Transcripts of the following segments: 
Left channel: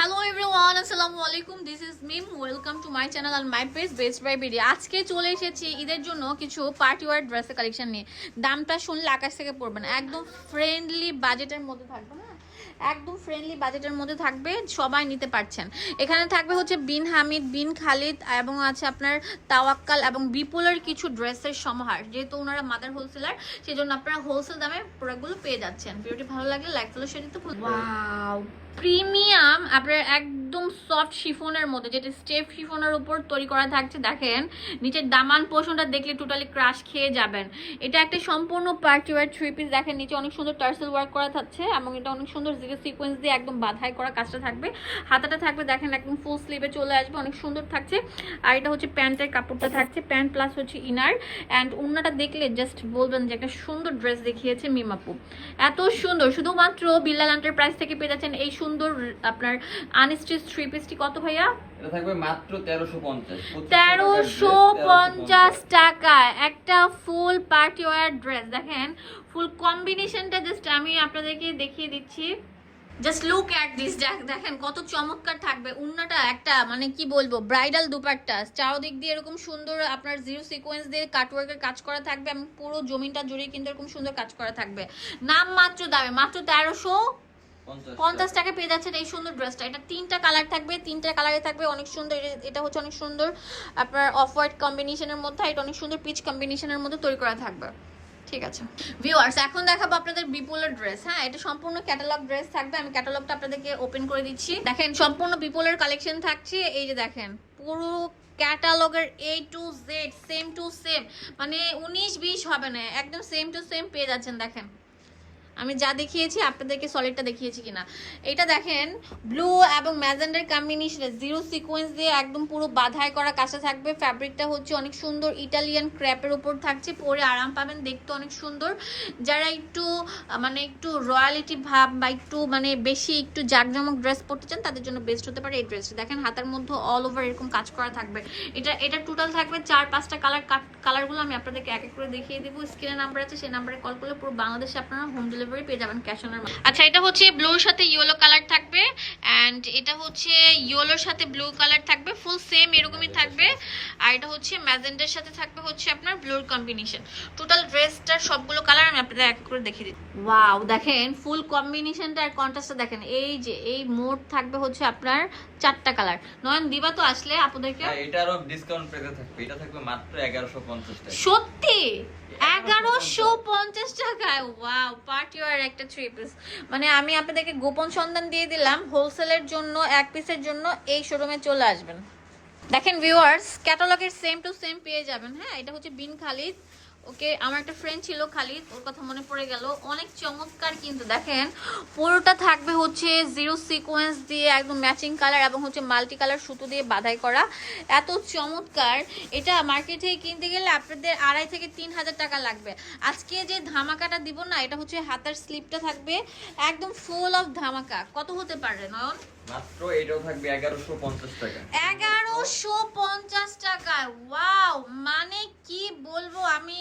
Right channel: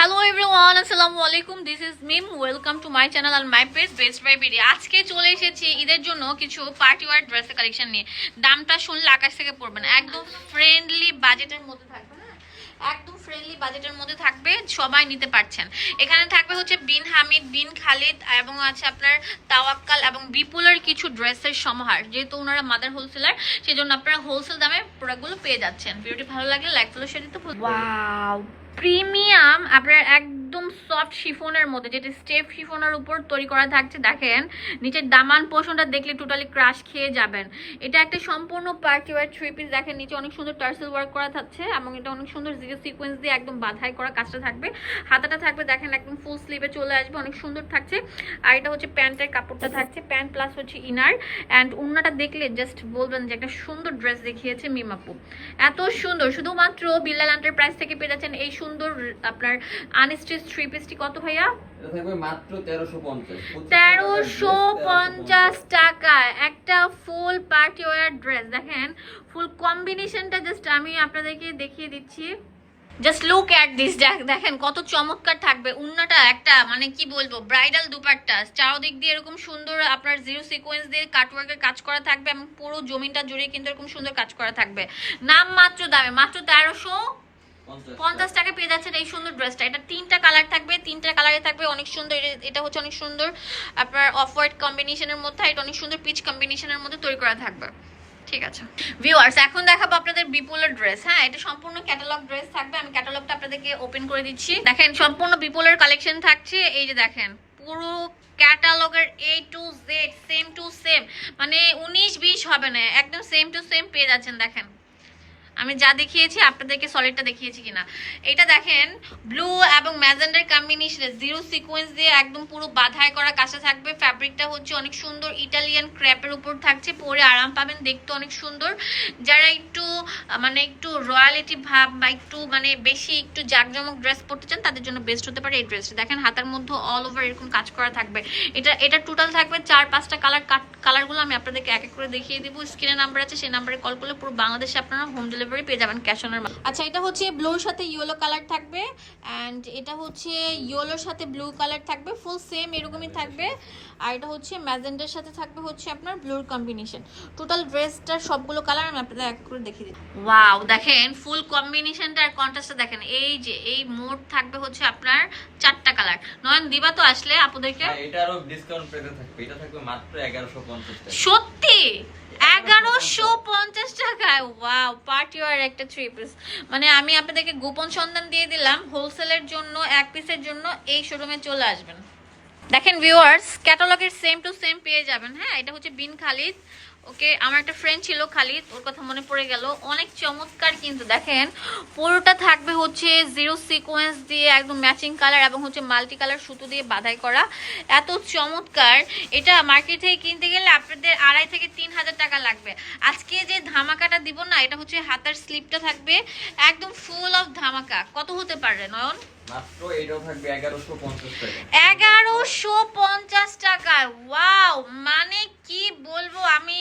Hello everyone, assalamu alaikum. This is Mim. Welcome to my channel and my page Best by BD. আজকে চলে এসেছি ঈদের জন্য কিছু পার্টি ওয়্যার ড্রেসের কালেকশন নিয়ে। দামটা শুনলে আকাশ থেকে পড়বে না, একদম ফ্রেন্ডলি বাজেটের মধ্যে থাকবে। একদম ফ্রেন্ডলি বাজেটের মধ্যে থাকবে, সবাই নিতে পারছেন। এখানে থাকবে হচ্ছে বিন হামিদ, বিন খালিদ এবং আছে আপনার তাওয়াক্কাল এবং বিপুলের কিছু ড্রেসের সমাহার। যেহেতু ওনারা মাদার হোলসেলার, সেজন্য আপনারা হোলসেল দামে প্রোডাক্টগুলো পেয়ে যাচ্ছেন। ভিডিওটি ভালো লাগলে লাইক ফলো শেয়ার দিতে ভুলবেন না। ওয়াও, প্রিমিয়াম আপনার একদম সফট শিফনের মধ্যে, যেটা স্টেপ শিফনের উপর তৈরি করা থাকছে। দেখেন নিচের দামান পোর্শনটা দেখলে টোটালি ক্রাশ খেয়ে যাবেন। এটা একটা সম্পূর্ণ পার্টি ওয়্যার থ্রি পিস। দেখেন নিচে অনেক সুন্দর টার্সেল ওয়ার্ক করা থাকছে এবং এটা অনেক সুন্দর সিকোয়েন্স দিয়ে একদম বাঁধাই করা কাজটা থাকবে। হাতাটা থাকবে দেখেন একদম ফুল স্লিভে চলে আসবে, অনেক সুন্দর থাকছে। আর এটা হচ্ছে প্যান্টের কাপড়টা থাকছে, প্যান্ট প্লাস হচ্ছে ইনার। অ্যান্ড ওড়নাটা দেখলে জাস্ট বলবেন যে একটা সুন্দর ড্রেস দেখিয়েছে মিমাপু, এত সুন্দর। শুধুমাত্র বিল্লাল এন্টারপ্রাইজ থেকে পেয়ে যাচ্ছেন এই সুন্দর আপনার আনস্টিচ থ্রি পিসটি। কত ভাইয়া? এটা থাকবে মাত্র 1350 1350 টাকা একটা ফুল পার্টি ওয়্যার ড্রেস। দেখেন ফুল কম্বিনেশনটা জাস্ট আমি আপনাদেরকে দেখিয়ে দিচ্ছি। জাস্ট লুক অ্যাট দিস, দেখেন কত চমৎকার থাকবে। উন্নাটা একটা মানে কি বলবো, ব্রাইডাল দুপাট্টা, চারদিক দিয়ে এরকম সুন্দর আপনার জিরো সিকোয়েন্স দিয়ে কাটওয়ার্কের কাজ করা থাকবে এবং পুরো জমিনটা জুড়ে কিন্তু এরকম সুন্দর কাজ করা থাকবে। নাম মাত্র দামে মাত্র 1350 টাকা পেয়ে যাচ্ছেন এই সুন্দর ড্রেসটা। এটা তিনটা কালার থাকবে, তিনটা কালারে থাকবে, অনেক সুন্দর। এটা হচ্ছে অনেক সুন্দর আপনার অফ হোয়াইট কম্বিনেশনের মধ্যে, এটা অনেক সুন্দর পিচ কম্বিনেশনের মধ্যে তৈরি করা থাকবে। ঠিক আছে ভিউয়ার্স, এখন দেখাবো আপনাদের বিপুলের ড্রেস। হ্যাঁ, এটা সম্পূর্ণ ক্যাটালগ ড্রেস থাকবে। আমি ক্যাটালগটা আপনাদেরকে ওপেন করে দিচ্ছি। দেখেন সম্পূর্ণ বিপুলের কালেকশন থাকছে। এই যে দেখেন পুরো ক্যাটালগের A to Z same to same, মানে 19-20 হবে না, একদম সেম টু সেম পেয়ে যাচ্ছেন। দেখেন আমি যা দেখিয়েছি আপনাদেরকে সলিডটা দেখিয়েছি কিনা। এটা দেখেন ব্লু এবং ম্যাজেন্ডার কম্বিনেশনে জিরো সিকোয়েন্স দিয়ে একদম পুরো বাঁধাই করা কাছে থাকবে। ফ্যাব্রিকটা হচ্ছে অনেক সুন্দর ইটালিয়ান ক্র্যাপের উপর থাকছে, পরে আরাম পাবেন, দেখতে অনেক সুন্দর। যারা একটু মানে একটু রয়্যালিটি ভাব বা একটু মানে বেশি একটু জাঁকজমক ড্রেস পরতে চান, তাদের জন্য বেস্ট হতে পারে এই ড্রেসটা। দেখেন হাতার মধ্যে অল ওভার এরকম কাজ করা থাকবে। এটা টোটাল থাকবে 4-5টা কালার। কালারগুলো আমি আপনাদেরকে এক এক করে দেখিয়ে দেবো। স্ক্রিনে নাম্বার আছে, সেই নাম্বারে কল করলে পুরো বাংলাদেশে আপনারা হোম ডেলিভারি পেয়ে যাবেন ক্যাশ অন। আচ্ছা, এটা হচ্ছে ব্লুর সাথে ইয়েলো কালার থাকবে, অ্যান্ড এটা হচ্ছে ইয়েলোর সাথে ব্লু কালার থাকবে, ফুল সেম এরকমই থাকবে। আর এটা হচ্ছে ম্যাজেন্ডার সাথে থাকবে হচ্ছে আপনার ব্লুর কম্বিনেশন। টোটাল ড্রেসটার সবগুলো কালার আমি আপনাদের এক করে দেখিয়ে দিই। ওয়াও, দেখেন ফুল কম্বিনেশনটা আর কন্ট্রাস্টটা দেখেন। এই যে এই মোড থাকবে হচ্ছে আপনার 4টা কালার। নয়ন দিবা তো আসলে আপুদেরকে? হ্যাঁ, এটারও ডিসকাউন্ট পেতে থাকবে। এটা থাকবে মাত্র 1150 টাকা। সত্যি 1150 টাকায়? ওয়াও, পার্টি ওয়্যার একটা থ্রি পিস। মানে আমি আপনাদেরকে গোপন সন্ধান দিয়ে দিলাম, হোলসেলের জন্য এক পিসের জন্য এই শোরুমে চলে আসবেন। দেখেন ভিউয়ার্স, ক্যাটালগের সেম টু সেম পেয়ে যাবেন। হ্যাঁ, এটা হচ্ছে বিন খালিদ। ওকে, আমার একটা ফ্রেন্ড ছিল খালিদ, ওর কথা মনে পড়ে গেল। অনেক চমৎকার কিন্তু। দেখেন পুরোটা থাকবে হচ্ছে জিরো সিকোয়েন্স দিয়ে একদম ম্যাচিং কালার এবং হচ্ছে মাল্টি কালার সুতো দিয়ে বাঁধাই করা, এত চমৎকার। এটা মার্কেট থেকে কিনতে গেলে আপনাদের 2500 থেকে 3000 টাকা লাগবে। আজকে যে ধামাকাটা দিব না, এটা হচ্ছে হাতার স্লিপটা থাকবে একদম ফুল অফ ধামাকা। কত হতে পারে নয়ন? মাত্র এটাও থাকবে 1150 টাকা। 1150 টাকায়? ওয়াও, মানে কি বলবো আমি,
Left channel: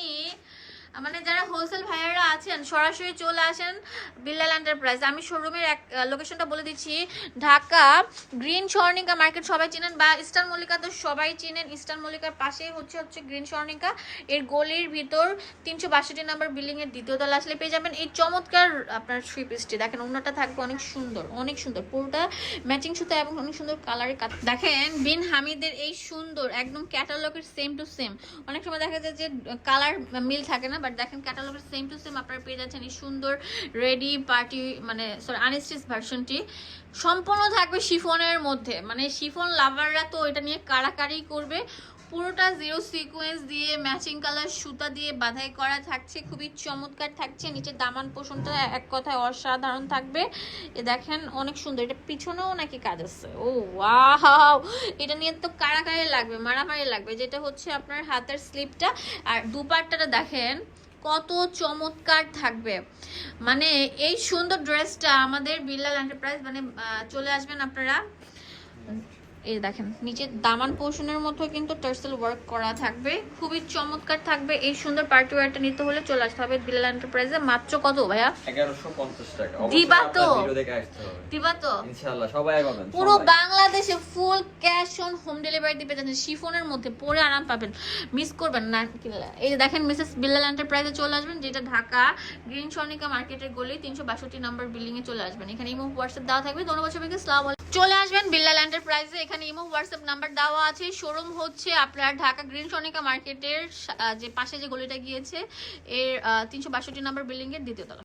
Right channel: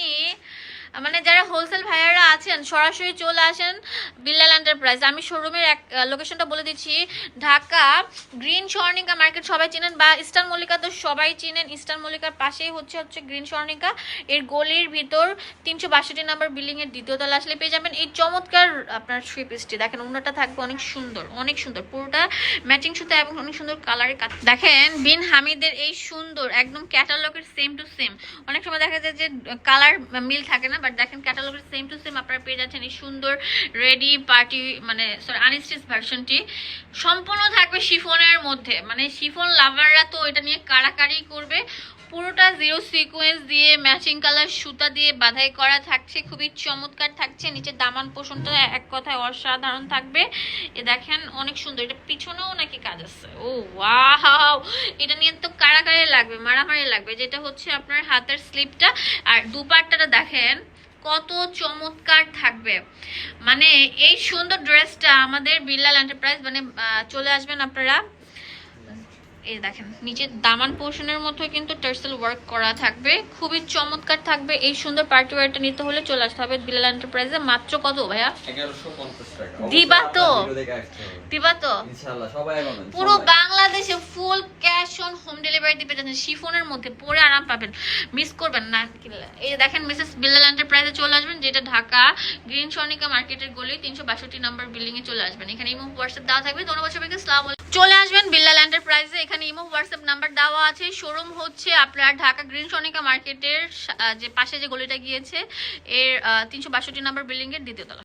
মানে যারা হোলসেল ভাইয়ারা আছেন সরাসরি চলে আসেন বিল্লাল এন্টারপ্রাইজ। আমি শোরুমের এক লোকেশনটা বলে দিচ্ছি, ঢাকা গ্রিন স্বর্ণিকা মার্কেট সবাই চিনেন, বা ইস্টার্ন মল্লিকা তো সবাই চিনেন। ইস্টার্ন মল্লিকার পাশেই হচ্ছে গ্রিন স্বর্ণিকা, এর গলির ভিতর 362 নাম্বার বিল্ডিং এর দ্বিতীয় তলা আসলে পেয়ে যাবেন এই চমৎকার আপনার থ্রি পিসটি। দেখেন ওনাটা থাকবে অনেক সুন্দর, অনেক সুন্দর, পুরোটা ম্যাচিং সুতা এবং অনেক সুন্দর কালারের কাজ। দেখেন বিন হামিদের এই সুন্দর একদম ক্যাটালগের সেম টু সেম। অনেক সময় দেখা যায় যে কালার মিল থাকে না, বাট দেখেন ক্যাটালগের সেম টু সেম আপনারা পেয়ে যাচ্ছেন এই সুন্দর রেডি পার্টি মানে সরি আনস্টিচ ভার্সনটি। সম্পূর্ণ থাকবে শিফনের মধ্যে, মানে শিফন লাভাররা তো এটা নিয়ে কাড়াকাড়ি করবে। পুরোটা জিরো সিকোয়েন্স দিয়ে ম্যাচিং কালার সুতা দিয়ে বাঁধাই করা থাকছে, খুবই চমৎকার থাকছে। নিচের দামান পোষণটা এক কথায় অসাধারণ থাকবে। এ দেখেন অনেক সুন্দর। এটা পিছনেও নাকি কাজ আছে? ও ওয়াও, এটা নিয়ে তো কাড়াকাড়ি লাগবে, মারামারি লাগবে। যেটা হচ্ছে আপনার হাতের স্লিপটা আর দুপাট্টাটা দেখেন কত চমৎকার থাকবে। মানে এই সুন্দর ড্রেসটা আমাদের বিল্লাল এন্টারপ্রাইজ মানে চলে আসবেন আপনারা এই দেখেন নিচের দামান পোর্শনের মধ্যে কিন্তু টার্সেল ওয়ার্ক করা থাকবে, খুবই চমৎকার থাকবে। এই সুন্দর পার্টি ওয়্যারটা নিতে হলে চলে আসতে হবে বিলাল এন্টারপ্রাইজে। মাত্র কত ভাইয়া? 1150 টাকা। দিবা তো? ভিডিও দেখে আসতে হবে দিবা তো? ইনশাআল্লাহ সবাই পাবেন। পুরো সবাই। বাংলাদেশে full cash on home delivery দিতে যাচ্ছেন, শিফনের মধ্যে পরে আরাম পাবেন, মিস করবেন না কিনলে। এই দেখেন মিসেস বিলাল এন্টারপ্রাইজে চলে আসবেন, যেটা ঢাকা গ্রিন সনিকা মার্কেটের গলি 362 নম্বর বিল্ডিং এ চলে আসবেন। এখানে ইমো হোয়াটসঅ্যাপ দেওয়া থাকবে। ধন্যবাদ সবাইকে, আসসালামু আলাইকুম। চলে আসবেন বিলাল এন্টারপ্রাইজে, এখানে ইমো হোয়াটসঅ্যাপ নাম্বার দেওয়া আছে। শোরুম হচ্ছে আপনার ঢাকা গ্রিন সনিকা মার্কেটের যে পাশে যে গলিটা গিয়েছে এর 362 নম্বর বিল্ডিং এর দ্বিতীয় তলা।